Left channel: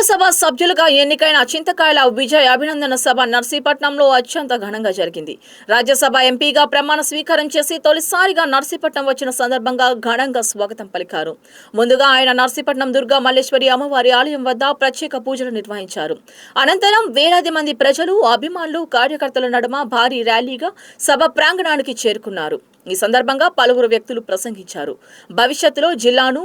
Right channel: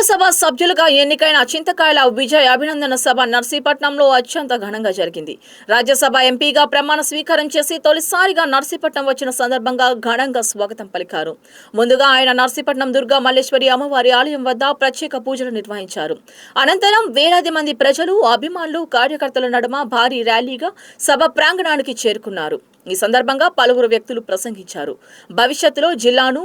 రాజ్యసభ సభ్యులుగా ఎన్నికైన చింతకాయల విజయ్ అభినందన సభ నర్సీపట్నంలో అత్యంత ఘనంగా జరిగింది. రాజ్యసభ ఎంపీగా ప్రమాణ స్వీకారం చేసి తొలిసారిగా నర్సీపట్నం వచ్చిన సందర్భంగా ఘనంగా స్వాగతం పలికారు. ముందుగా ఆయన నర్సీపట్నం దుర్గా మల్లేశ్వరి అమ్మవారి ఆలయం వద్ద ప్రత్యేక పూజలు నిర్వహించారు. అనంతరం వేలాది మంది ప్రజలు, అభిమానులు, కార్యకర్తల నడుమ భారీ ర్యాలీగా సభ ప్రాంగణానికి చేరుకున్నారు. ఈ సందర్భంగా పలువురు వ్యక్తులు ప్రసంగించారు. భవిష్యత్తులో జిల్లాను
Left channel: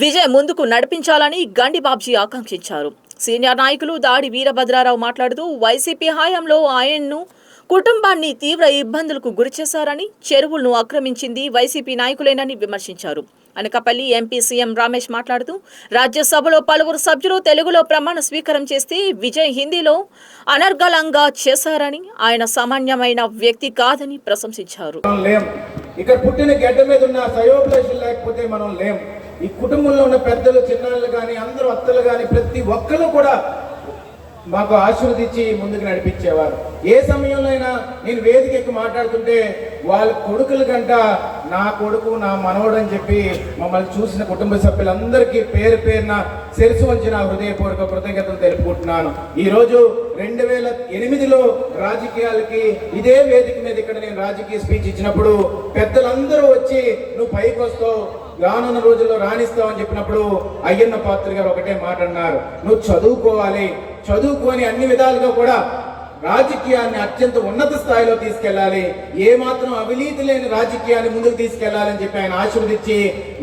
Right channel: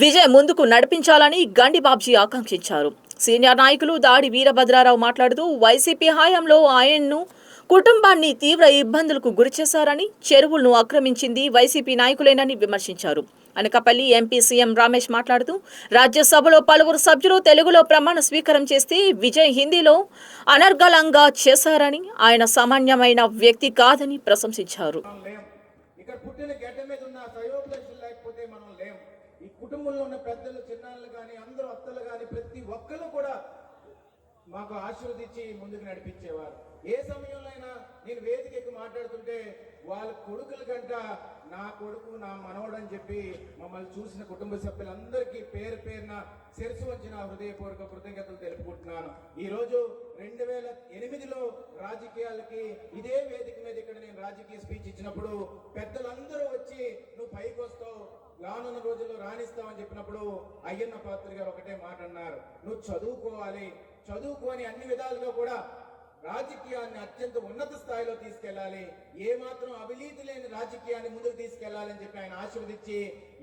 విజయ్ ముందుకు నడిపించాలని గండి బాబ్జీ ఆకాంక్షించారు. సీనియర్ నాయకులు దాడి వీరభద్రారావు మాట్లాడుతూ వైసీపీ హయాంలో ఆయన్ను కుటుంబాన్ని తీవ్ర ఇబ్బందులకు గురిచేశారని, చెరువులను ఆక్రమించింది వైసీపీ నాయకులేనని విమర్శించారు. అనకాపల్లి ఎంపీ సీఎం రమేష్ మాట్లాడుతూ రాజ్యసభలో పలువురు సభ్యులు తెలుగులో ప్రమాణ స్వీకారం చేస్తే విజయ్ హిందీలో అనర్గళంగా చేశారని, ఆయన సామాన్యమైన వ్యక్తి కాదని ప్రశంసించారు. ఇక్కడ పుట్టిన గడ్డ మీద ఉన్న సయోభిలాషులు లేకపోతే మనం లేం. ఈ కుటుంబంలో ఉన్న పెద్దలు, చిన్నాళ్ళు కానీ, అందరూ అత్తలు కానీ, ప్రతి ఒక్కరు కూడా మాకు ఆశీర్వదించి ముందుకు నడిపించేవారు. ఏ సమయంలో అయినా నేను వేదిక ఎక్కి మాట్లాడుతుంటే వాళ్ళ కొడుకుల కంట నా కొడుకు, నా మనవడు అని చెప్పి మమ్మల్ని చూసిన కుటుంబ సభ్యులందరికీ పేరు పేరున శిరసు వంచి నా హృదయపూర్వక కృతజ్ఞతలు తెలుపుకుంటున్నాను. ఈరోజు 2008లో రాజకీయాలకి ఇదే వేదిక మీద ఇక్కడ నేను రాజకీయ స్పీచ్ ఇచ్చినప్పుడు పెద్దలందరూ వచ్చి నువ్వు పైకి వస్తావు, రానున్న రోజుల్లో రాణిస్తావు అని చెప్పినప్పుడు అయ్యన్న పాత్ర గారు ఒకటే మాట అన్నారు, నువ్వు చదువుకోవాలి, చదువుకొని అన్ని విధాలుగా కూడా రాజకీయాన్ని అత్యంత ఉన్నత స్థాయిలో తీసుకెళ్లాలి, ఏ మాత్రం అవినీతి లేని రాజకీయాన్ని ముందుకు తీసుకెళ్లాలని చెప్పి ఆయన ఆశీర్వదించి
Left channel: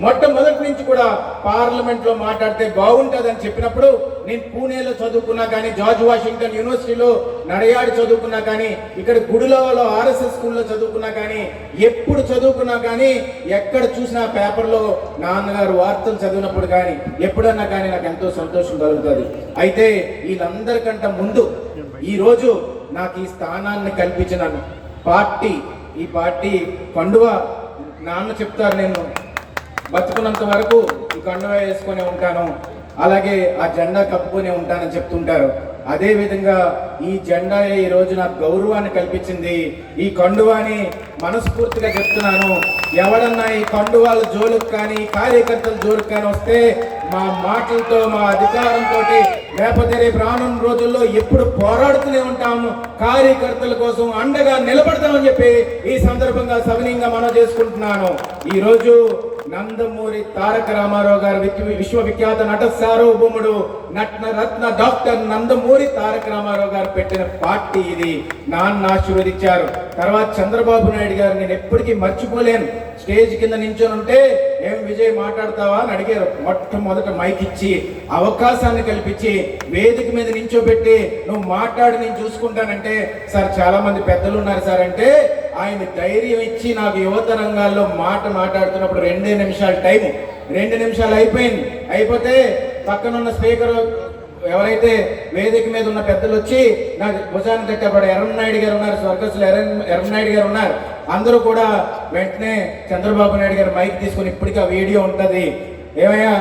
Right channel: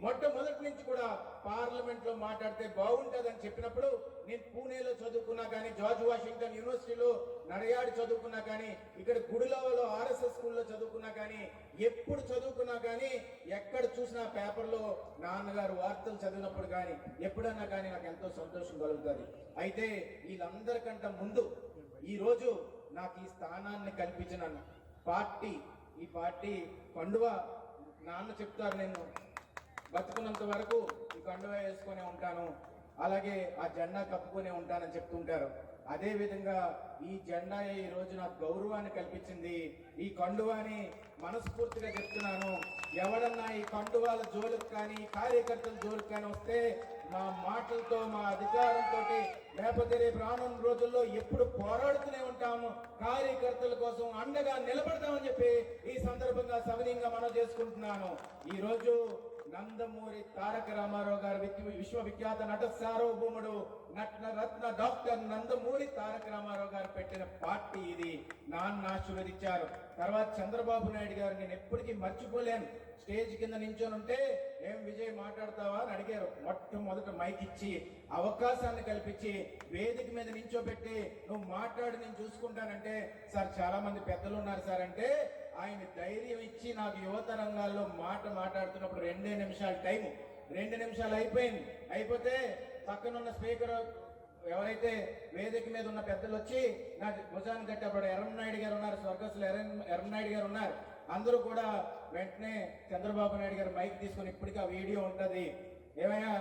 మొట్టమొదటి నుంచి కూడా పార్లమెంట్ లో మాట్లాడితే బాగుంటుందని చెప్పినప్పుడు నేను పూణేలో చదువుకున్నా కానీ, జార్జ్ వాషింగ్టన్ యూనివర్సిటీలో నడయాడి చదువుకున్నా కానీ, ఇక్కడ గుడిలో ఆర్ఎస్ఎస్ స్కూల్లో చదువుకున్నా కానీ, ఎప్పుడు చదువుకున్నా కానీ ఎక్కడ చూసినా పేపర్లో నాన్నగారు వార్తలు చదివినప్పుడు కానీ ఎప్పుడన్నా కానీ నాకు ఎంతో సంతోషం కలుగుతుంది. అయితే వీళ్ళందరికంటే ముందు ఈరోజు నాకు ఈ స్థానాన్ని కల్పించిన పార్టీ, ఈ పార్టీ కండువా నాన్న చెప్తారు, నేను బతుకున్నంత వరకు ఈ కండువా వేసుకొని ఉంటాను, అలాగే ఆ జెండా కప్పుకొని ఉంటానని చెప్తుంటారు. అదే విధంగా ఈ జెండా ఈ రోజు నాకు గౌరవాన్ని కల్పించింది. ఈ కండువాని మనస్ఫూర్తిగా చెప్తున్నాను, ఎవడన్నా ఈ కండువాల జోలుకు కానీ, కార్యకర్తల జోలుకు కానీ వస్తే మా మాటలతో, మా అధికారంతో లేకపోతే రేపు రానున్న రోజుల్లో ఎప్పుడు పోరాడుతూనే ఉంటాము, కార్యకర్తల కోసం అండగా నిలబడతామని చెప్పి ఈ సందర్భంగా సవినీయంగా మనం చేసుకుంటున్నాను. ఈరోజు నందమూరి తారక రామారావు గారు విశ్వవిఖ్యాత నట సార్వభౌముడు, రత్న డాక్టర్ నందమూరి తారక రామారావు గారు పెట్టిన పార్టీ ఇది. నాన్న ఆశీర్వదించారు. తర్వాత చంద్రబాబు నాయుడు గారు నేను ఎప్పటికీ మర్చిపోలేను, స్టేజ్ కింద నించొని ఉంటే ఏం విజయ్ మాట్లాడతావా అని అడిగారు. మొట్టమొదట మైక్ ఇచ్చి అవకాశాన్ని కల్పించి వేదిక మీద నించోబెట్టి నువ్వు మాట్లాడి నేను చూసుకుంటానంటే, సార్ చాలా మంది పెద్దలు ఉన్నారు సార్ అంటే ఆయన ధైర్యం ఇచ్చి నాకు యువత రంగాల్లో మాట్లాడుతున్నప్పుడు 2 నిమిషాలు టైం, 2 నిమిషాలు అయిపోతే పక్కనున్న స్పీకర్ ఎవరైతే వేదిక మీద ఉన్న పెద్దలు వచ్చి నాకు భుజాన్ని తట్టేవాడు ఎర్రన్నాయుడు గారు ఉన్నారు, స్వర్గస్థులు ఎర్రన్నాయుడు గారు ఉన్నారు, అందరూ కూడా వెంటనే చంద్రబాబు నాయుడు గారు మైక్ తీసుకుని ఇప్పటికీ ఆ వీడియో ఉంటుంది, ఏమయ్యా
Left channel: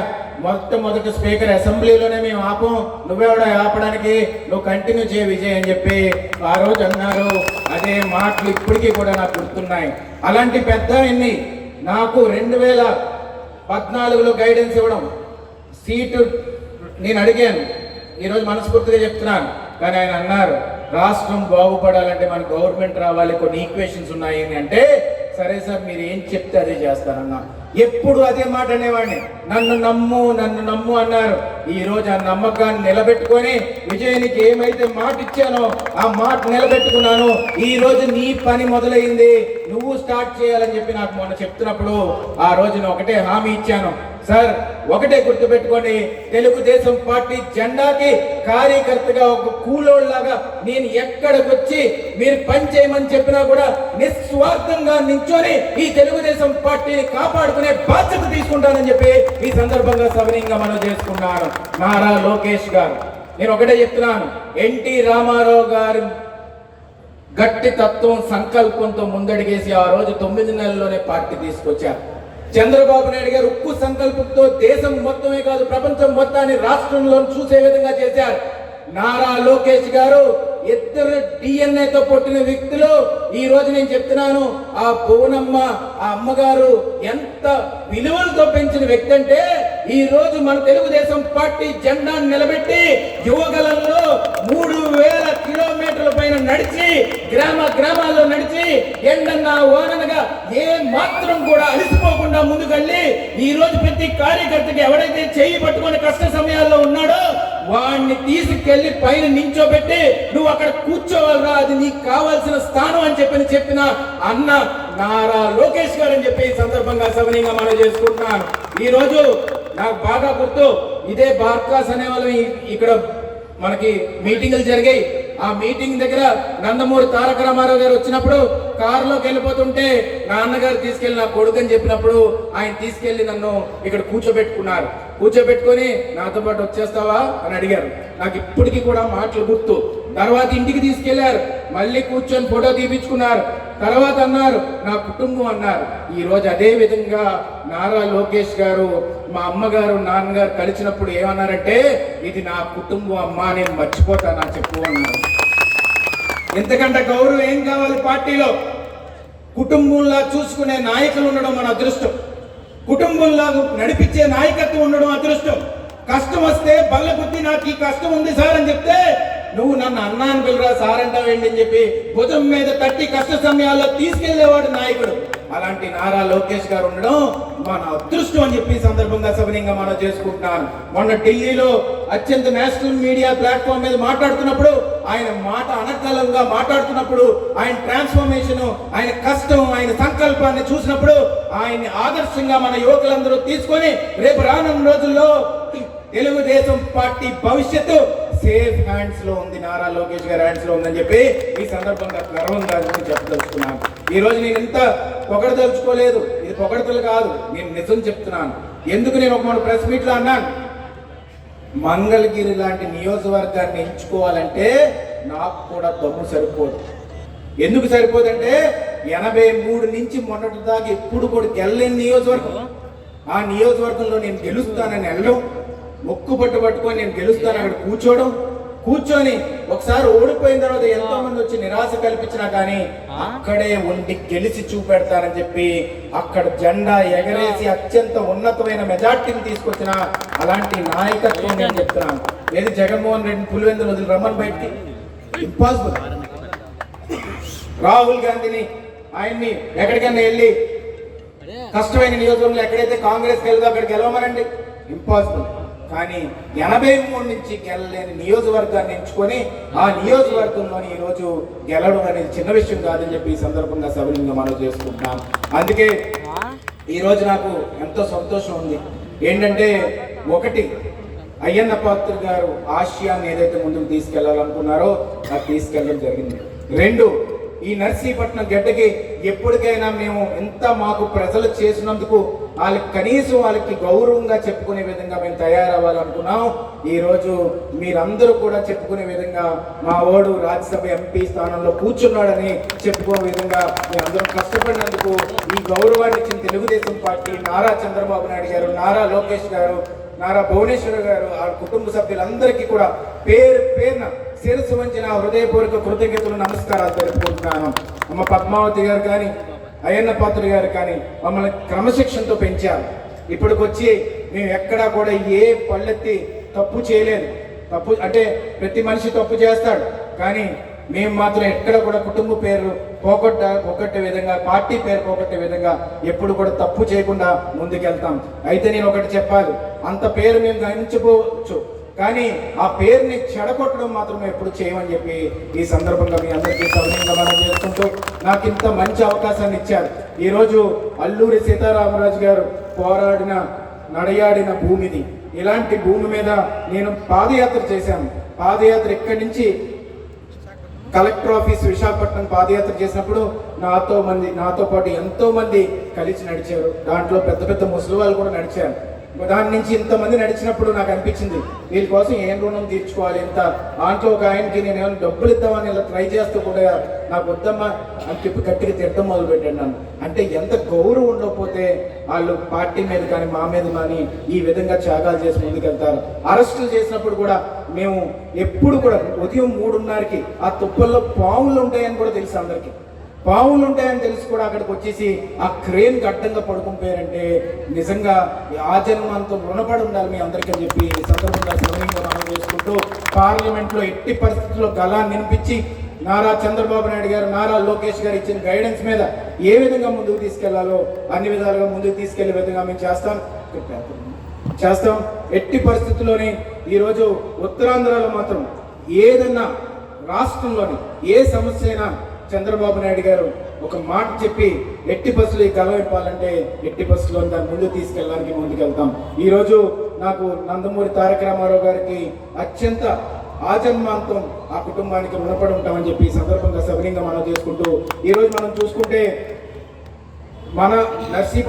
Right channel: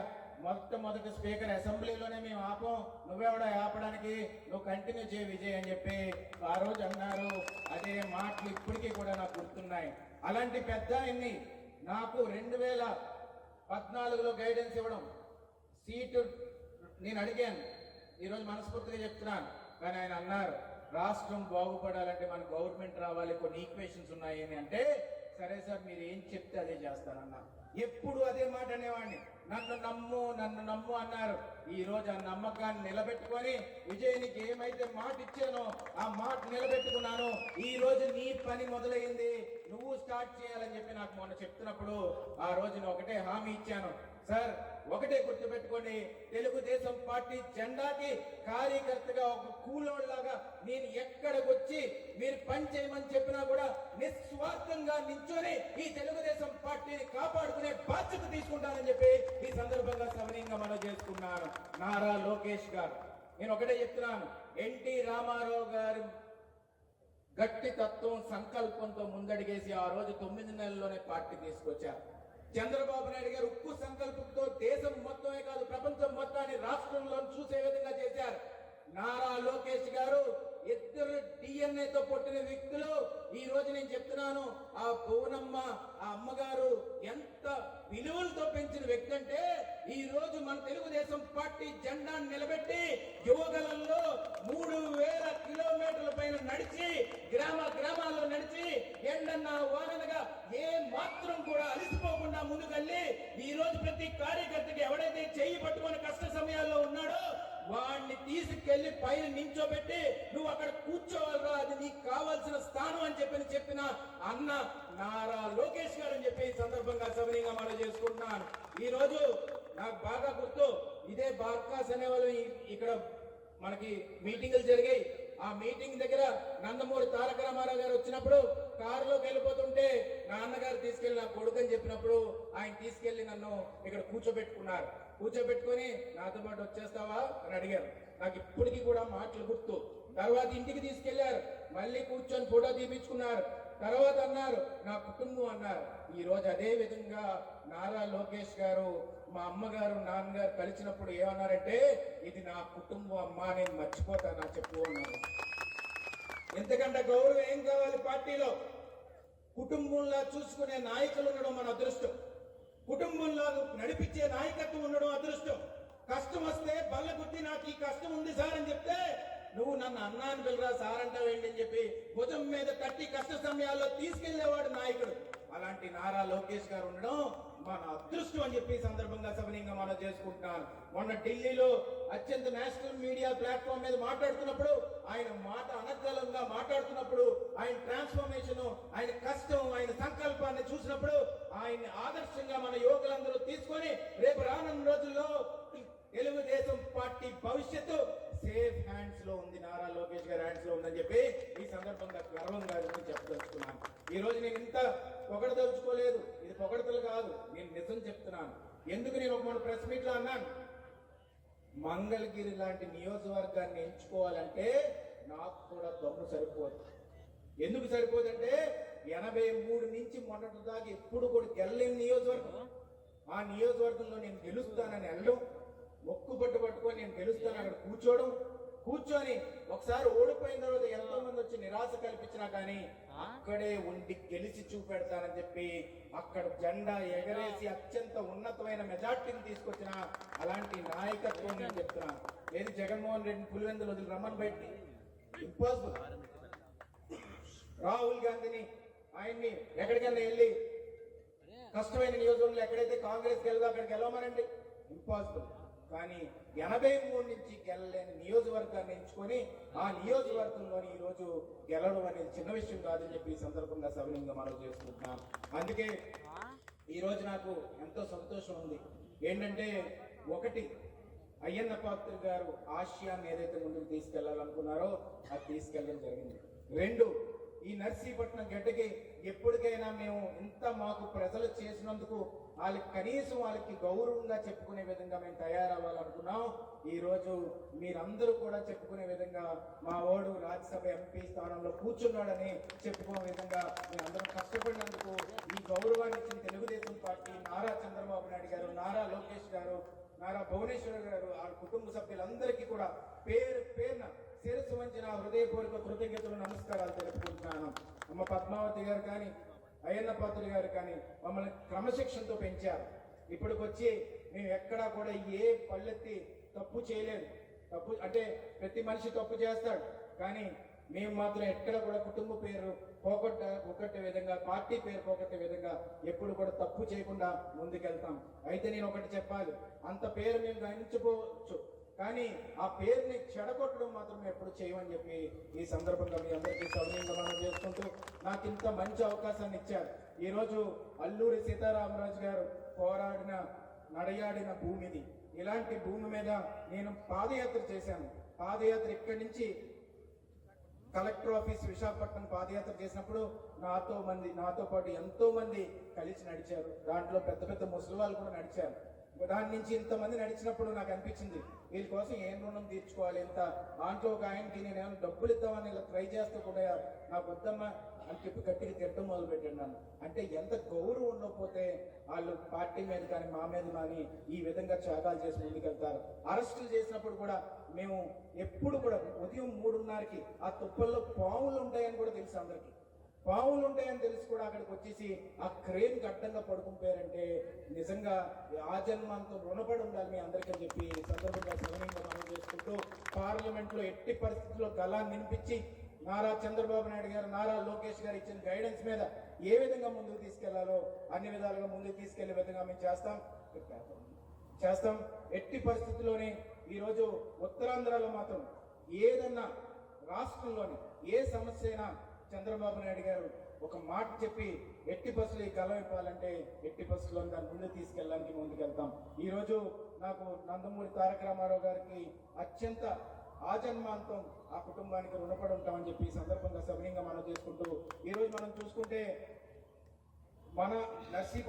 మొట్టమొదటి స్పీకర్ అసెంబ్లీలోనే మేము ఆపం, నువ్వెవడో ఆపడానికి, నువ్వు కంటిన్యూ చేయ విజయ్ అని చెప్పి ఆ రోజు అన్నారు. అదే మాటలు ఇప్పటికీ కూడా నాకు గుర్తున్నాయి. అలాంటి పెద్ద ఆయన్ని నాకు 2014లో గైడెన్స్ ఇవ్వడం, సీటు నేను అడిగాను, ఈరోజు మనస్ఫూర్తిగా చెప్తున్నాను. కానీ ఆయన అన్నారు రాష్ట్రం బాగుపడాలంటే మన గవర్నమెంట్ రావాలి, కొన్ని ఈక్వేషన్స్ ఉన్నాయి అని అంటే, సరే సార్ మీరు ఏం చెప్తే అదే చేస్తానన్నా. ఎప్పుడు అదే మాట అనేవాడిని, నన్ను నమ్ము అన్నారు. ఈ రోజు ఆ నమ్మకాన్ని నిలబెట్టుకొని విజయానికి ఏమైతే మాట ఇచ్చానో ఆ మాట నిలబెట్టుకున్నాను. ఈ రోజు నీ పని మొదలైంది, నువ్వు స్టార్ట్ చేయాలని చెప్పి నాకు మొన్న చెప్తున్నప్పుడు ఆ రోజు నేను ఒకటే హామీ ఇచ్చాను, సార్ ఒకటే గుర్తుపెట్టుకోండి, తెలుగుదేశం పార్టీ జెండాకి కార్యకర్తగా ఒక కూలోళ్ళలాగా నేను ఎక్కడికి వచ్చి మీరు పని చేయమని చెప్పినా కూడా నిస్వార్థంగా నించొని ఈ తెలుగుదేశం పార్టీని కాపాడుకునే బాధ్యత తీసుకుంటానని చెప్పి ఈ సందర్భంగా సవినీయంగా మనం చేసుకున్నాను. నారా లోకేష్ గారు, నేను ఒకటే చెప్తున్నాను, ఎన్టీ రామారావు గారు గట్టి తత్వం, సంకల్పంతో ముందడిగేసి ఆ రోజు 9 నెలల్లోనే పార్టీ తీసుకొచ్చారు. చంద్రబాబు నాయుడు గారు ఉక్కు సంకల్పంతో దేశం మొత్తమే కాదు ప్రపంచం మొత్తాన్ని రాష్ట్రంలో చూసే విధంగా చేశారు. నారా లోకేష్ గారు ఇద్దరు డిఎన్ఏతో పుట్టిన వ్యక్తులు. ఈ రోజు నేను చెప్తున్నాను, ఆ భువనమ్మ ఆ అమ్మగారు ఎంత విలువలతో పెంచిన వ్యక్తి అంటే, ఈ రోజు మన తెలుగుదేశం పార్టీ జెండాను నిలబెట్టి గ్రామాల్లో నడిచి ఎండన్నా ఓననగా ఏ మాత్రం కూడా అలసిపోకుండా ముందుకెళ్ళి ఈ రోజు ప్రతి కార్యకర్తకి ఎవడైతే చేయి పట్టుకొని కష్ట సమయాల్లో ఉన్నాడో వాడిని తీసుకెళ్లి పైన నించోబెట్టి నువ్వు అక్కడ కూర్చోవాలరా, అది నీకు కావాల్సిన స్థానం అని చెప్పిన అన్న నారా లోకేష్ గారు అని చెప్పి ఈ సందర్భంగా సవనీయంగా మనం చేసుకుంటున్నాను. ఈ రోజు నాకు బాగా గుర్తు, ఇదే బార్కాస్ అనే వాళ్ళు ఇక్కడ మనకి మీటింగులు జరిగాయి. ఆ మీటింగ్ దగ్గర నందమూరి తారక రామారావు గారు వచ్చినప్పుడు కారులోకి వెళ్ళిపోతుంటే నాన్నగారు తీసుకెళ్లి నా కొడుకు అని చెప్పినప్పుడు ఆయన తీసుకెళ్లి నన్ను ఇక్కడ కూర్చోబెట్టుకున్నారు. కూర్చోబెట్టుకొని నాతో పాటు వచ్చేస్తావా అని అడిగారు. నాకు ఇప్పటికీ కూడా మాటలు గుర్తు. తర్వాత ఇంటికి తీసుకెళ్లారు, మళ్ళీ కూర్చొని ఫోటో తీపించుకున్నారు. తర్వాత అన్నారు నా కుటుంబం అన్నారు. ఈ రోజు అదే విధంగా నారా లోకేష్ గారు మా అమ్మగారు నాన్నగారు కలిసినప్పుడు ఏమన్నారంటే ఇది నా కుటుంబం అమ్మా, నేను మర్చిపోతానా చెప్పు అన్నారు. ఎంతకంటే గౌరవం ఏం కావాలి పార్టీలో? కుటుంబంలా చూసుకునే నాయకులు ఉండడం మన అదృష్టం. కుటుంబంలా నడిపించే నాయకత్వం ఉండడం అదృష్టం. కష్టం వస్తే బల్ల బుద్ధి నాకు ఈ కష్టం ఉంది సార్ అని చెప్తే నువ్వు నన్ను అన్నాను పిల్లరా సార్ అంటావేంటి అని చెప్పి భుజం మీద తట్టి కష్ట సమయాల్లో తీసుకెళ్లేవాడు నాయకుడు. అలాంటి నారా లోకేష్ గారు ఉండడం మన అదృష్టం అని చెప్పి సందర్భంగా సవినయంగా మనం చేసుకుంటున్నాను. మొన్న ఢిల్లీలో అత్యంత నేషనల్ మీడియా ప్లాట్ఫామ్ మీద మాట్లాడుతున్నప్పుడు ఆయన మాట అనర్గళంగా మాట్లాడుతున్నప్పుడు ఆయన ట్రాన్స్ఫర్మేషన్, ఆయన కష్టం, ఆయన సంకల్పాన్ని చూసినప్పుడు ఆయన్ని ఆదర్శంగా మన యువకులందరూ తీసుకొని రేపు రానున్న రోజుల్లో తెలుగుదేశం పార్టీ భవిష్యత్తు సేఫ్ హ్యాండ్స్ లో ఉంది, నారా లోకేష్ గారి హ్యాండ్స్ లో ఉందని చెప్పి ఈ సందర్భంగా గర్వంగా చెప్పదలుచుకున్నాను. ఈ రోజు నేను ఇంత పొగడదలుచుకోలేదు, ఇది పొగడతలు కాదు, నేను నిజం చెప్తున్నాను. ఎందుకు నేను ఒక ప్రెస్ మీట్ లో అన్నాను, మంగళగిరి లాంటి నియోజకవర్గాన్ని ఎంచుకోవాలంటే నాకు కూడా దమ్ము సరిపోదు. ఎందుకు సరిపోదంటే 83 నుంచి మొన్నటి దాకా ఎప్పుడు కూడా గెలలేని నియోజకవర్గం. ఆ నియోజకవర్గంలో నేను గెలుస్తానని వెళ్ళడం, మొక్కు పట్టుకొని నేను గెలుస్తాను అక్కడ కూర్చొని ఒకసారి ఓడిపోయిన తర్వాత ఎంతో మంది వచ్చి నిరాశ కల్పించినా కానీ అక్కడే ఉండి గెలిచి చూపెడతానని చెప్పి అక్కడ జెండా ఎగరేసి అత్యంత ఉన్నతమైన మెజార్టీని తీసుకొచ్చిన అలాంటి నాయకత్వం నేను చెప్తున్నాను. ఏది జగన్మోహన్ రెడ్డి పులివెందులు వదిలి రమ్మని బయటికి ఇంపాసిబుల్. రాహుల్ గాంధీని ఆయన్ని ఎక్కడికైనా వెళ్ళి కష్టమైన నియోజకవర్గంలో ఎక్కడైతే కాంగ్రెస్ గెలదో అక్కడ గెలవమనండి, ఇంపాసిబుల్. కానీ 83 నుంచి గెలలేని నియోజకవర్గాన్ని ఎంచుకొని ఆ నియోజకవర్గంలోని ఈ రోజు గెలవడం అనేది చిన్న విషయం కాదని చెప్పి ఈ సందర్భంగా సభ్యులంగా మనం చేసుకుంటున్నాం. అందుకే ఈ రోజు నాకు ఎంతో సంతోషం ఉంది. ఏంటంటే ఒకటి, అయ్యన్న పాత్ర గారు ఆశయాన్ని ఏదైతే ముందుకు తీసుకెళ్లాలనుకున్నారో అది తీసుకెళ్ళడం జరిగింది. రెండు, ఈ నర్సీపట్నం గడ్డకి ఎప్పటికైనా మేము ఎంత మాకు ప్రజలు చేసినందుకు వాళ్ళకి కనీసం వాళ్ళకి గౌరవంగా చెప్పుకునే విధంగా మేము తయారవ్వాలనుకున్నాం. ఈ రోజు మీరందరూ కూడా చెప్పుకునే విధంగా మా ఓడు రాజ్యసభ ఎంపీ స్థానంలో కూర్చున్నాడని చెప్పుకునే విధంగా మీరందరూ కష్టపడినందుకు ఈ గౌరవాన్ని ఇచ్చిన తెలుగుదేశం పార్టీ, నారా చంద్రబాబు నాయుడు గారు, నారా లోకేష్ గారు, నారా భువనేశ్వర్ గారు, ఆ కుటుంబ సభ్యులందరికీ కూడా పేరున శిరస్సు వంచి నా హృదయపూర్వక కృతజ్ఞతలు నమస్కారాలు తెలుపుకుంటున్నాను. అమ్మ పద్మావతి గారు కానీ అయ్యన్న పాత్ర గారు కానీ మమ్మల్ని క్రమశిక్షణతో పెంచారు. ఇప్పటికొచ్చి మేము ఎక్కడా కూడా ఏ పళ్ళెత్తి తప్పు చేయలేదు. తప్పు అంటే ప్రతి మనిషి తప్పు చేస్తాడు, కానీ మేము మాత్రం ఎక్కడ కూడా కుటుంబ పేరు పోగొట్టే విధంగా, పార్టీ పేరు పోగొట్టే విధంగా ఎప్పుడు కూడా తప్పు చేయకుండా ముందుకెళ్తాం. అయితే నేను ఒకటి చెప్పాలి, అంత పేరు మేము గమనించకపోవచ్చు, కానీ ఆ పేరుని చెడగొట్టడం మాత్రం ఎప్పుడు చేయమని చెప్పి ఈ సందర్భంగా మీ అందరికీ సవినయంగా మనం చేసుకుంటూ నాకు ఇంత మంచి అవకాశాన్ని ఇచ్చారు. ఈరోజు అల్లూరి సీతారామరాజు గారు పోరాడిన నడయాడిన భూమిది. ఇలాంటి భూమి మీద నేను పాదయాత్ర చేశాను. పాదయాత్ర ఇక్కడి నుంచి కలెక్టర్ ఆఫీస్ విశాఖపట్నం పాదయాత్ర చేసినప్పుడు నాతో పాటు ఎంతో మంది కలిసి నడిచారు. దాంట్లో పెద్ద పెద్ద ముసలి వాళ్ళు కూడా నడిచారు. దాని నుంచి ఇంతమంది నడిచినప్పుడు నాకు అనిపించింది, వీళ్ళ కోసం ఏం రుణం తీర్చుకోవాలి. ఇంత దాంట్లో ఒక ఆయనకి నేను ఏమైనా డబ్బులు ఇద్దామని ఇలా ట్రై చేస్తూ కూడా నాకు వద్దమ్మా అని చెప్పి గట్టిగా తిట్టడం మొదలు పెట్టాను నన్ను. అంటే ఎంత గౌరవం ఉండకపోతే వాళ్ళు పార్టీ మీద కానీ మా మీద కానీ ఈ విధంగా త్యాగాలు చేసి ముందుకెళ్తారు. అరెస్టులు చేసినప్పుడు కూడా మేము ఎప్పుడు కూడా ఉదయం 3:30కి ఆ తుప్పల్లో పాములు ఉంటాయని కూడా తెలుసు అందరికీ. పాములు ఉంటాయని తెలిసి కూడా అక్కడికి వచ్చేసి ఆ క్రేన్ గడ్డంగా పడుకుంటారంటే నిజంగా ఆ జన్మంతో రుణపడి ఉండాలి మీ అందరికీ అని చెప్పి సందర్భంగా మనం చేసుకుంటూ పార్లమెంట్లో ఎట్టి పరిస్థితుల్లో గలాన్ని వినిపించి నారా చంద్రబాబు నాయుడు గారు, నారా లోకేష్ గారు ఇచ్చిన గైడెన్స్ మీద ఏ విధంగా ముందుకు తీసుకెళ్లాలో అన్ని విధాలుగా ముందుకు తీసుకెళ్లే విధంగా మేము చేస్తాం. ఎట్టి పరిస్థితుల్లోని ఈరోజు ఉత్తరాంధ్రలో మాత్రం ఏదన్నా రాష్ట్రంలోని ఏ సమస్య అయినా చంద్రబాబు నాయుడు గారు ఒక మాట చెప్పి ఎట్టి బస్సులు ఈ గలవిప్పాలంటే ఎట్టి బస్సులో దాన్ని ముందుకు తీసుకెళ్ళడానికి ముందుకెళ్తాం. ఈరోజు నాకు నందమూరి తారక రామారావు గారికి అత్యంత ఆజన్మాంతం ఆ కుటుంబానికి రుణపడి ఉంటామని చెప్పి ఈ సందర్భంగా సవినీయంగా మనం చేసుకుంటూ ఈరోజు మనం చూసుకుంటే మన నర్సీపట్నం